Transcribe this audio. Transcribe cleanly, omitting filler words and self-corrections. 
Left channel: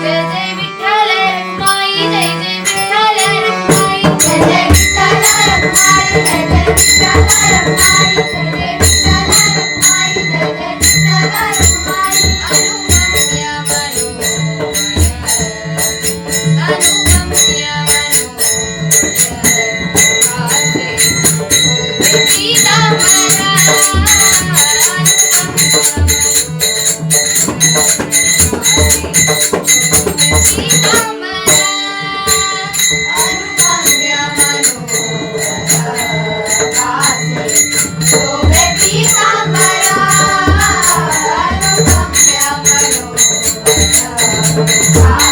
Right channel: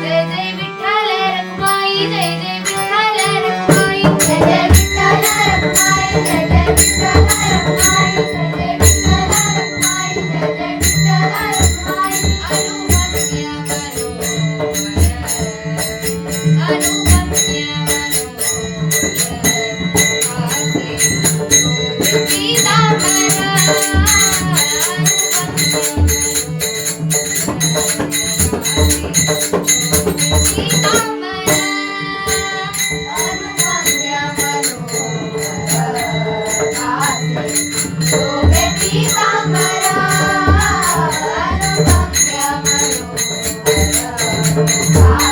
Jai Jai Vitthal Rakhumai, Jai Jai Vitthal Rakhumai, Jai Jai Vitthal Rakhumai, Jai Jai Vitthal Rakhumai, Jai Jai Vitthal Rakhumai, Jai Jai Vitthal Rakhumai. अनुगम्य Manohar